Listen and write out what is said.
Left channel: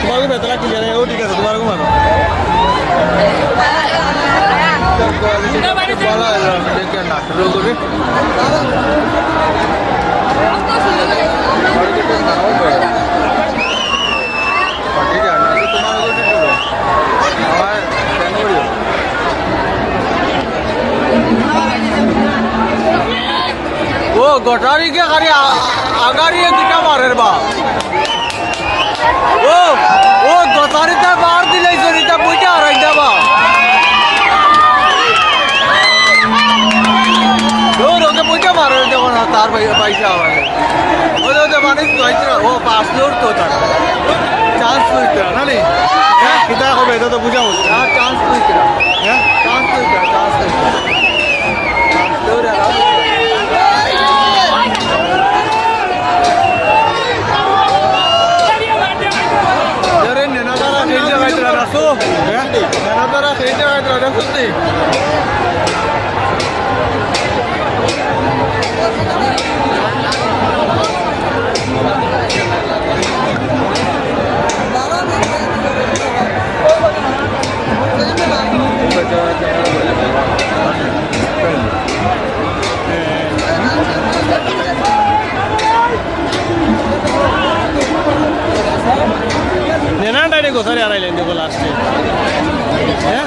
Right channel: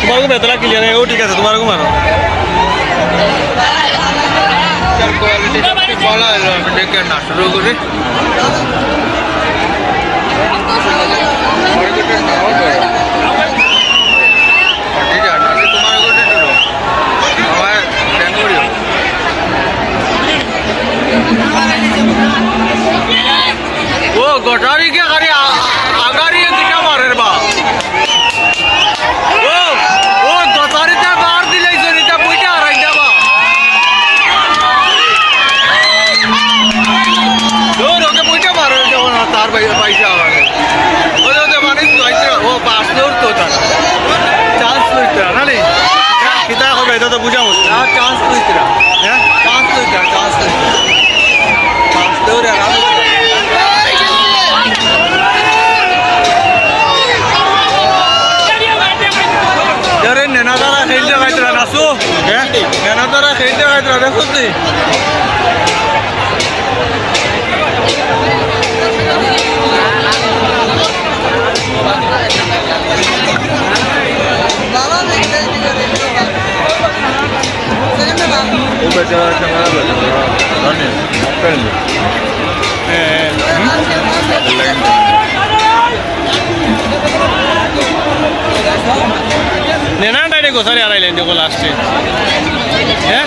তোমার বেতলা ক্লিয়ার ও ঠিক আছে তোমার মারো বলা হলো আমি ডেকে না শুরু করি তোমার আমার কেন করিও ও গটারি কে গাড়ি আগারিয়ে দিটা মারের বা ও গটারিটা বার দিলাইছো নিটা বইটা হারাই যাবা ওকে বইটা মারে যখন তার পয়সা আমাকে ওদের মানুষ ও পাঁচ লোক তো তারা চান্স লইতে না রে হ্যাঁ কিতা হবে এটা তো বুঝা মুশকিল আর চান্স লইতে হ্যাঁ চান্স লইতে চান্স দৌড়ে নেনাদারা খেলতে গাইতরা নাসু হ্যাঁ নেনাদারা খেলতে গাইতরা দেখুন তুই নেনা ডাইরে গোসারে আড়াইলেন দেখো লাস্টে হ্যাঁ